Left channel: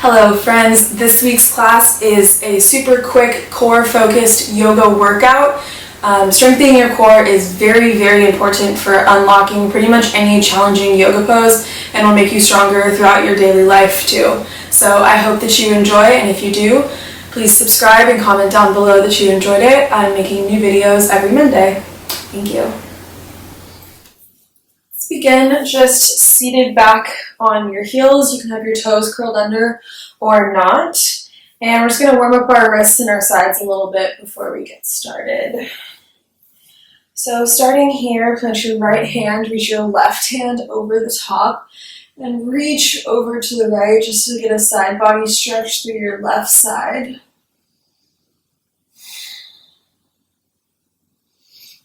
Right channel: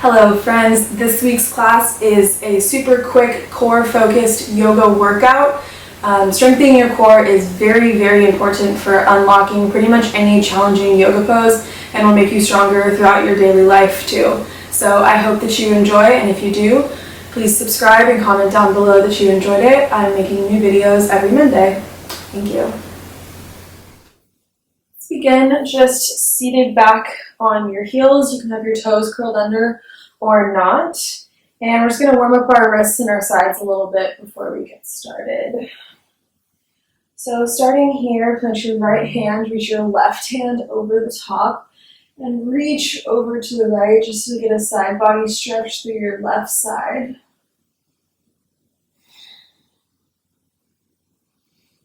Hello friends, this week's class is a super quick core focused yoga workout. Strengthening your core is very important for unlocking pretty much any challenging yoga pose and will make you stronger throughout your daily life too. So I hope that you enjoy, and if you do, please subscribe and comment down below that you enjoyed it. I'm making new videos every Monday. Thank you. Let's begin just seated back on your heels. You can have your toes curled under or not. And we're just going to warm up our wrists and our sides a little bit before we get started. So starting here, plant your right hand, reach your left hand over the top, and reach over to the right just to get a side body stretch through your left side.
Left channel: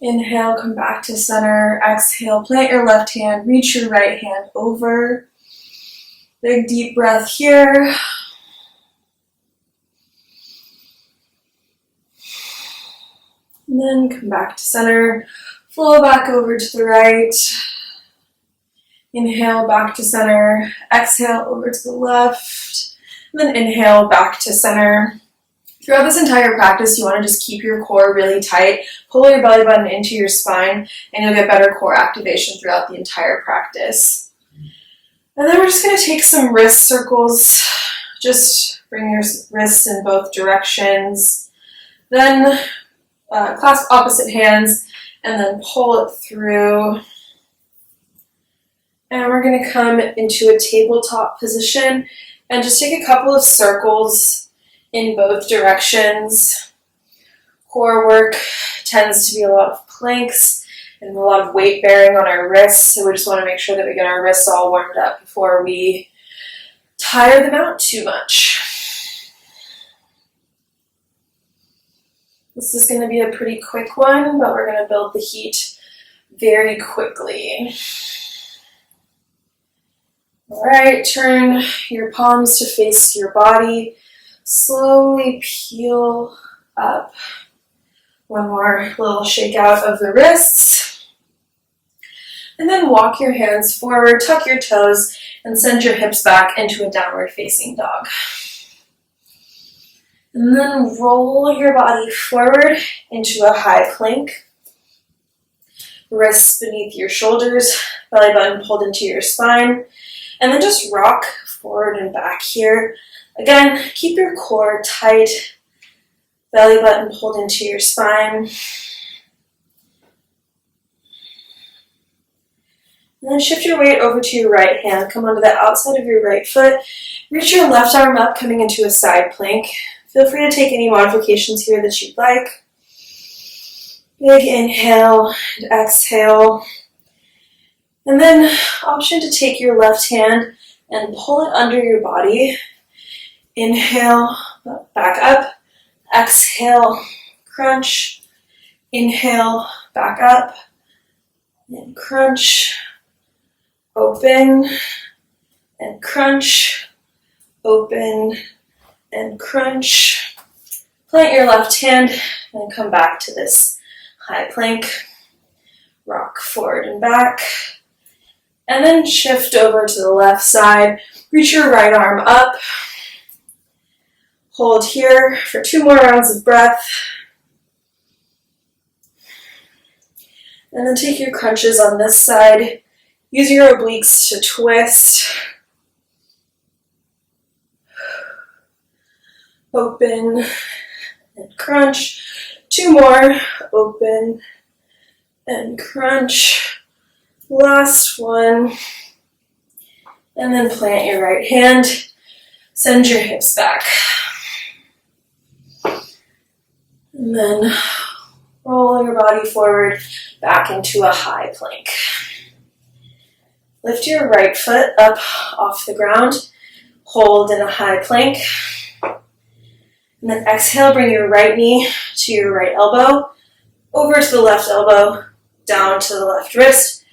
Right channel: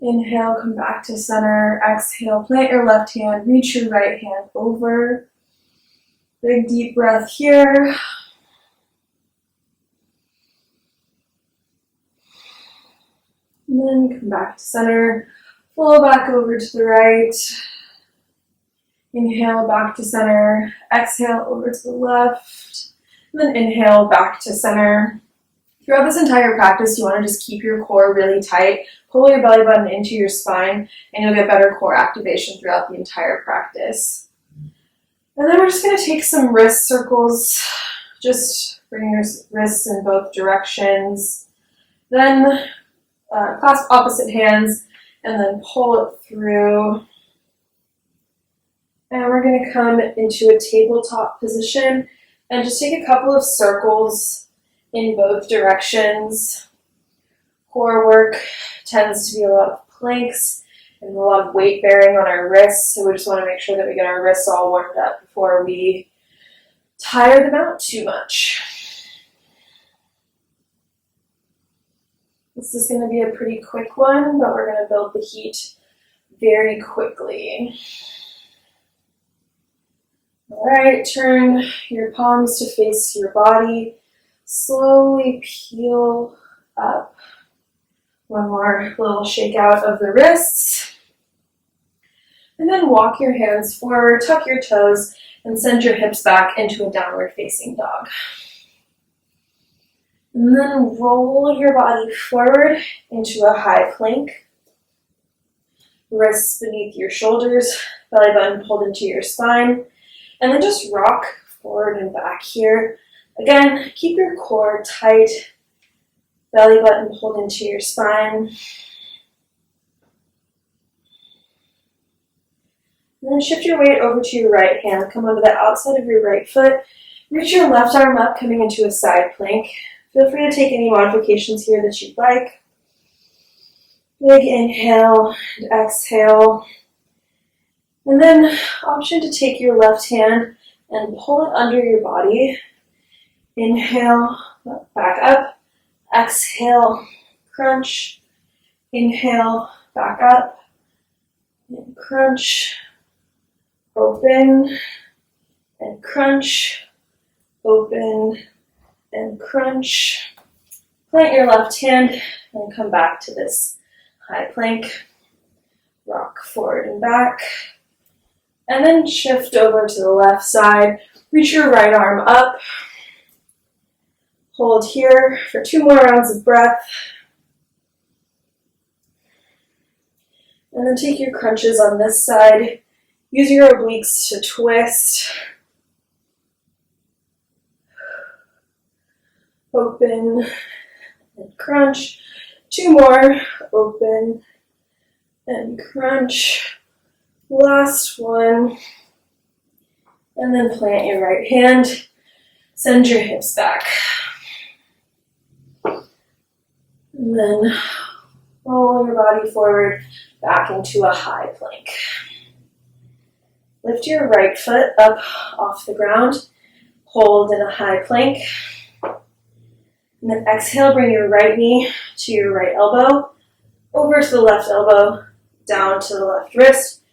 Inhale, come back to center. Exhale, plant your left hand, reach your right hand over. Big deep breath here. And then come back to center. Flow back over to the right. Inhale, back to center. Exhale, over to the left. And then inhale, back to center. Throughout this entire practice, you want to just keep your core really tight. Pull your belly button into your spine, and you'll get better core activation throughout the entire practice. And then we're just going to take some wrist circles. Just bring your wrists in both directions. Then clasp opposite hands, and then pull it through. And we're going to come into a tabletop position and just take a couple of circles in both directions. Core work tends to be a lot of planks and a lot of weight bearing on our wrists, so we just want to make sure that we get our wrists all warmed up before we tire them out too much. This is going to be a pretty quick one, but we're going to build the heat very quickly. All right, turn your palms to face your body. Slowly peel up. One more little shake out of the wrists. And then walk your hands forward, tuck your toes, and send your hips back into a downward facing dog. And then roll your body forward into a high plank. Wrists beneath your shoulders, belly button pulled into your spine. And then just rock forward and back here. Again, keep your core tight, belly button pulled into your spine. And then shift your weight over to your right hand. Come onto the outside of your right foot. Reach your left arm up, coming into a side plank. Feel free to take any modifications here that you'd like. Big inhale and exhale. And then option to take your left hand and pull it under your body. Inhale, back up. Exhale, crunch. Inhale, back up. And crunch. Open. And crunch. Open. And crunch. Plant your left hand and come back to this high plank. Rock forward and back. And then shift over to the left side. Reach your right arm up. Hold here for 2 more rounds of breath. And then take your crunches on this side. Use your obliques to twist. Open and crunch. 2 more. Open and crunch. Last one. And then plant your right hand. Send your hips back. And then roll your body forward back into a high plank. Lift your right foot up off the ground. Hold in a high plank. And then exhale, bring your right knee to your right elbow, over to the left elbow, down to the left wrist,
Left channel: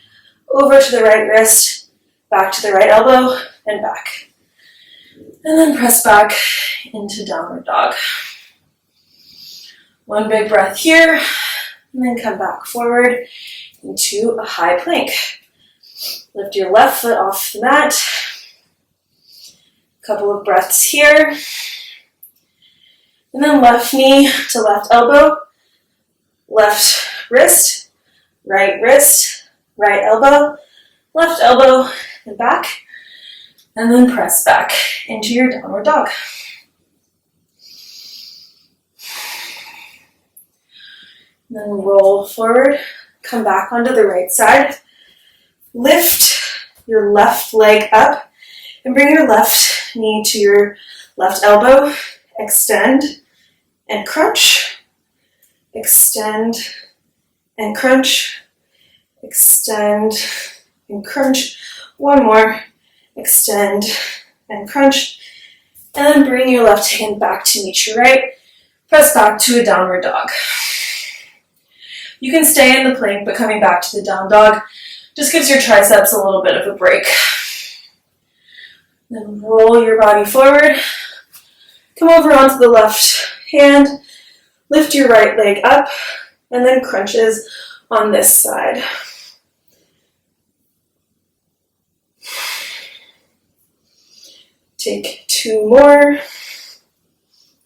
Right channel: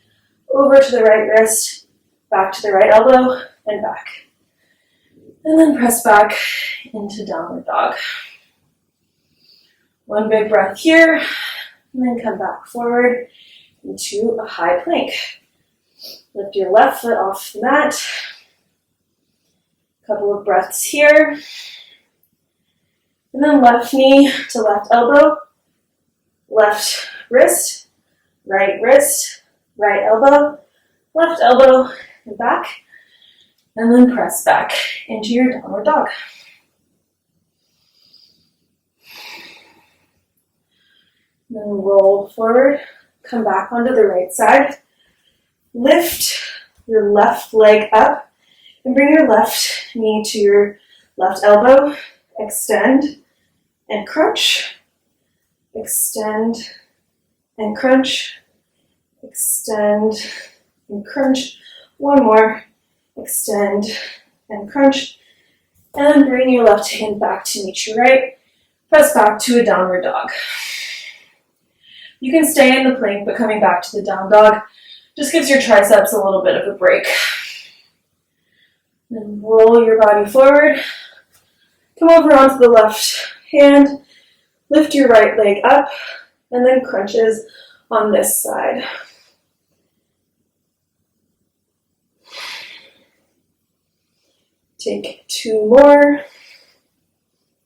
over to the right wrist, back to the right elbow, and back. And then press back into downward dog. One big breath here, and then come back forward into a high plank. Lift your left foot off the mat. Couple of breaths here. And then left knee to left elbow, left wrist, right elbow, left elbow, and back. And then press back into your downward dog. And then roll forward, come back onto the right side. Lift your left leg up and bring your left knee to your left elbow. Extend and crunch. Extend and crunch. Extend and crunch. One more. Extend and crunch. And then bring your left hand back to meet your right. Press back to a downward dog. You can stay in the plank, but coming back to the down dog just gives your triceps a little bit of a break. Then roll your body forward. Come over onto the left hand. Lift your right leg up, and then crunches on this side. Take 2 more.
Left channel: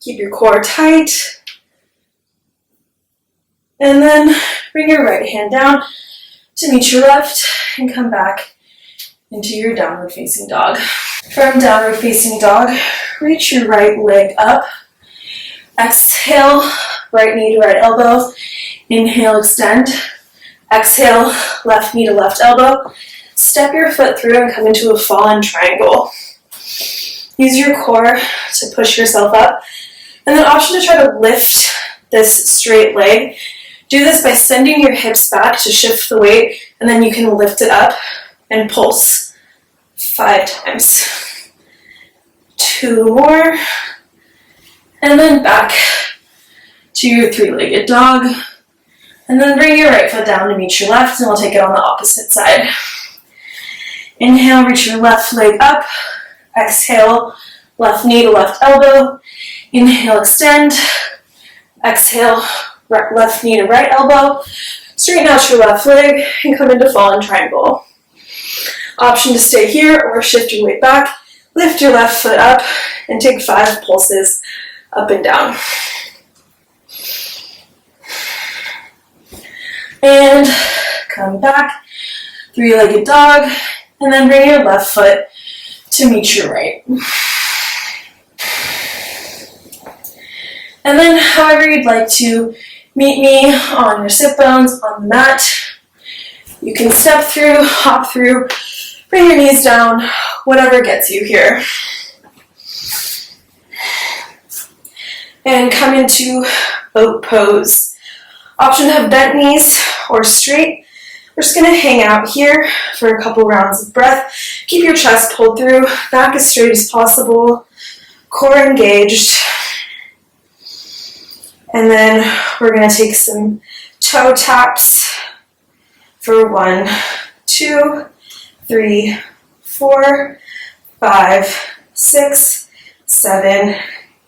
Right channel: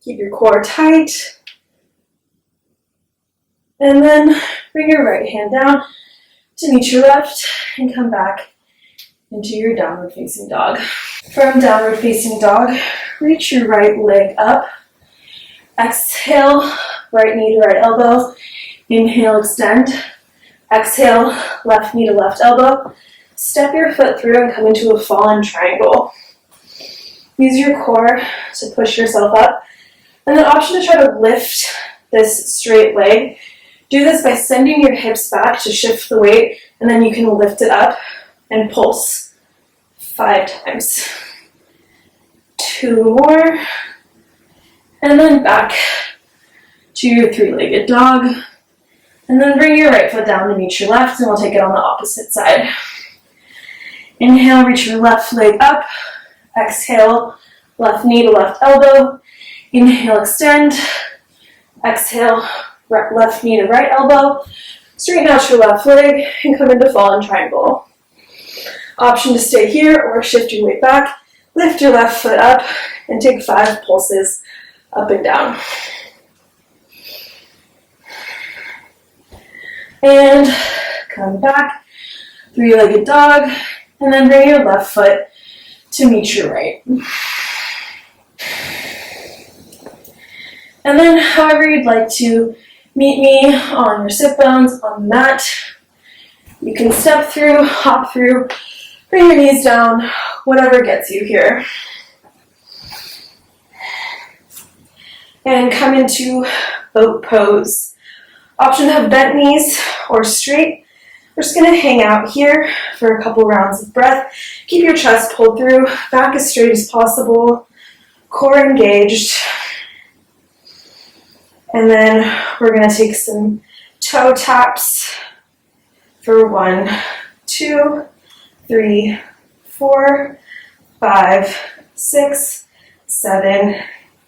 Keep your core tight. And then bring your right hand down to meet your left and come back into your downward facing dog. From downward facing dog, reach your right leg up. Exhale, right knee to right elbow. Inhale, extend. Exhale, left knee to left elbow. Step your foot through and come into a fallen triangle. Use your core to push yourself up. And then option to try to lift this straight leg. Do this by sending your hips back to shift the weight, and then you can lift it up and pulse 5 times. 2 more. And then back to your 3-legged dog. And then bring your right foot down to meet your left, and we'll take it on the opposite side. Inhale, reach your left leg up. Exhale, left knee to left elbow. Inhale, extend. Exhale, left knee to right elbow. Straighten out your left leg and come into fallen triangle. Option to stay here or shift your weight back. Lift your left foot up and take 5 pulses up and down. And come back, 3-legged dog, and then bring your left foot to meet your right. And then however you'd like to meet me on your sit bones on the mat. You can step through, hop through, bring your knees down, whatever gets you here. And come into boat pose. Option to have bent knees or straight. We're just going to hang out here for a couple rounds of breath. Keep your chest pulled through, back as straight as possible, core engaged. And then we're going to take some toe taps for 1, 2, 3, 4, 5, 6, 7,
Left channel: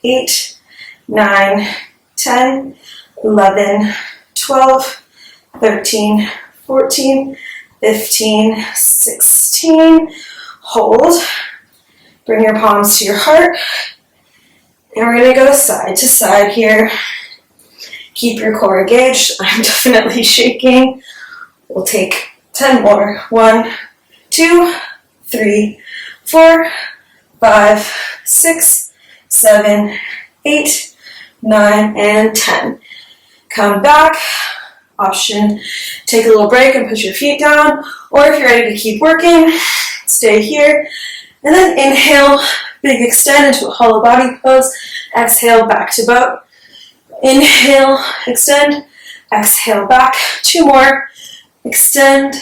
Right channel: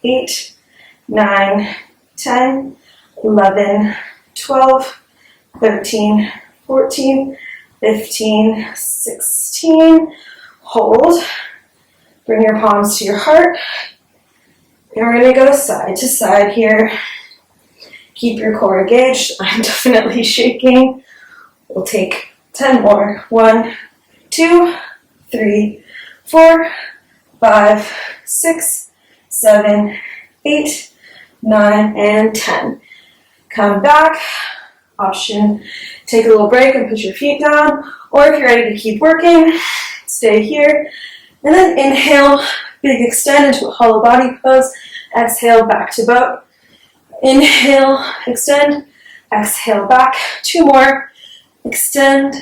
8, 9, 10, 11, 12, 13, 14, 15, 16. Hold. Bring your palms to your heart. And we're going to go side to side here. Keep your core engaged. I'm definitely shaking. We'll take 10 more. 1, 2, 3, 4, 5, 6, 7, 8, 9, and 10. Come back. Option, take a little break and put your feet down. Or if you're ready to keep working, stay here. And then inhale, big extend into a hollow body pose. Exhale, back to boat. Inhale, extend. Exhale, back. 2 more. Extend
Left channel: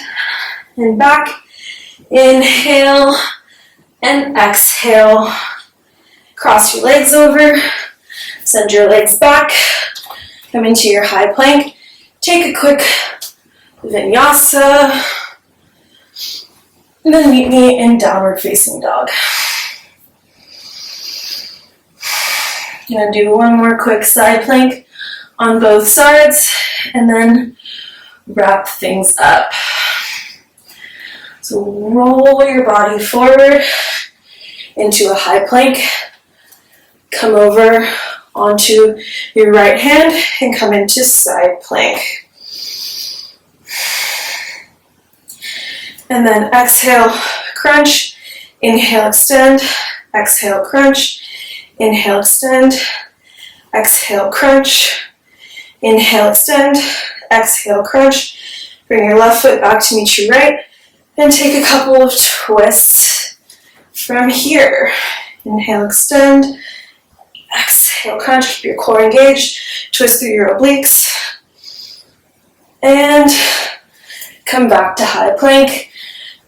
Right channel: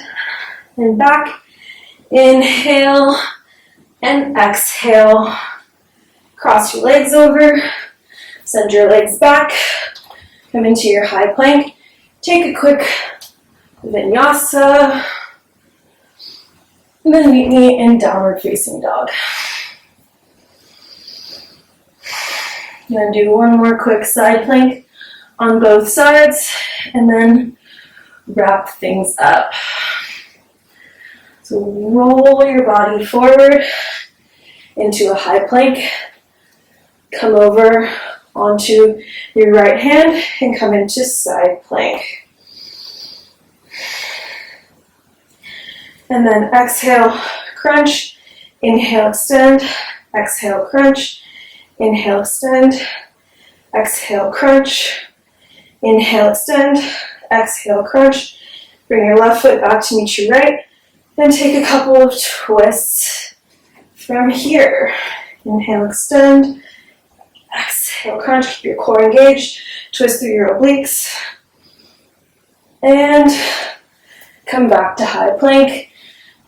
and back. Inhale and exhale. Cross your legs over. Send your legs back. Come into your high plank. Take a quick vinyasa. And then meet me in downward facing dog. I'm going to do one more quick side plank on both sides and then wrap things up. So roll your body forward. into a high plank. Come over onto your right hand and come into side plank. And then exhale, crunch, inhale, extend, exhale, crunch, inhale, extend, exhale, crunch, inhale, extend, exhale, crunch. Bring your left foot back to meet your right and take a couple of twists from here. Inhale, extend, exhale, crunch, keep your core engaged, twist through your obliques, and come back to high plank.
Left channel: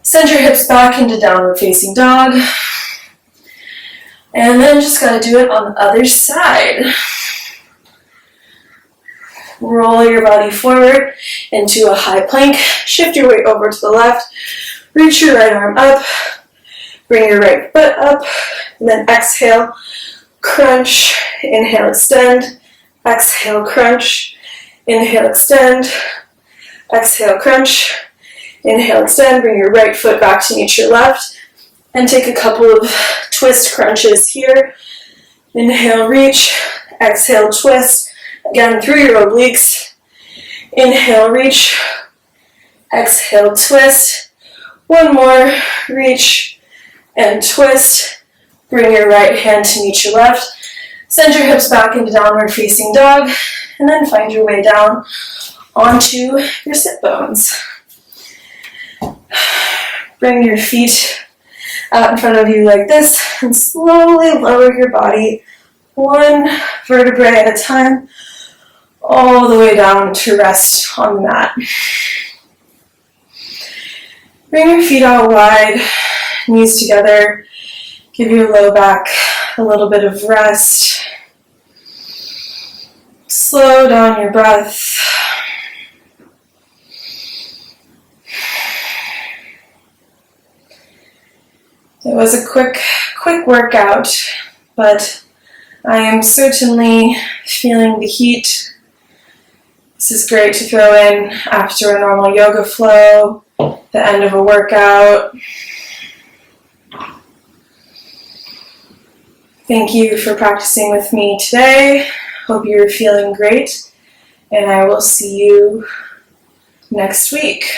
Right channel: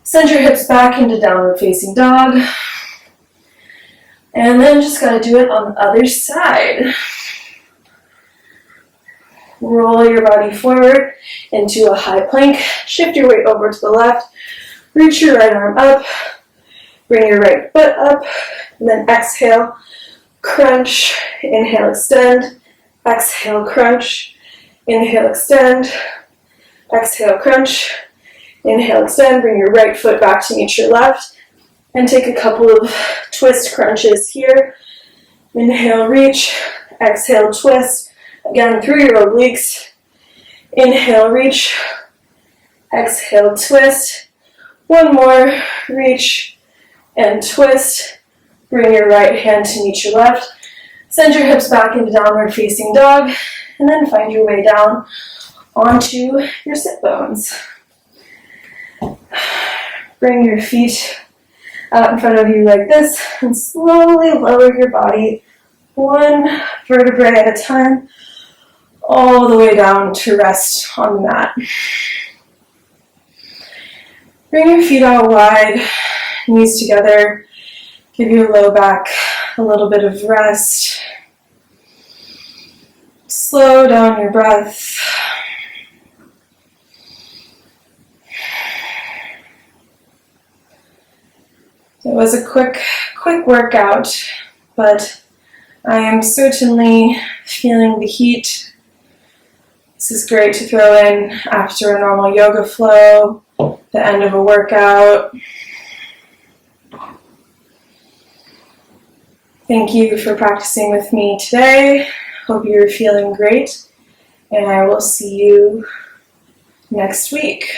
Send your hips back into downward facing dog, and then just gotta do it on the other side. Roll your body forward into a high plank, shift your weight over to the left, reach your right arm up, bring your right foot up, and then exhale, crunch, inhale, extend, exhale, crunch, inhale, extend, exhale, crunch, inhale, extend, bring your right foot back to meet your left, and take a couple of twist crunches here. Inhale, reach, exhale, twist, again through your obliques. Inhale, reach, exhale, twist. One more, reach and twist. Bring your right hand to meet your left. Send your hips back into downward facing dog, and then find your way down onto your sit bones. Bring your feet out in front of you like this, and slowly lower your body one vertebrae at a time, all the way down to rest on the mat. Bring your feet out wide, knees together. Give your low back a little bit of rest. Slow down your breath. It was a quick workout, but I am certainly feeling the heat. This is great to throw in after a normal yoga flow, the end of a workout. Thank you for practicing with me today. Hope you're feeling great, and I will see you next week.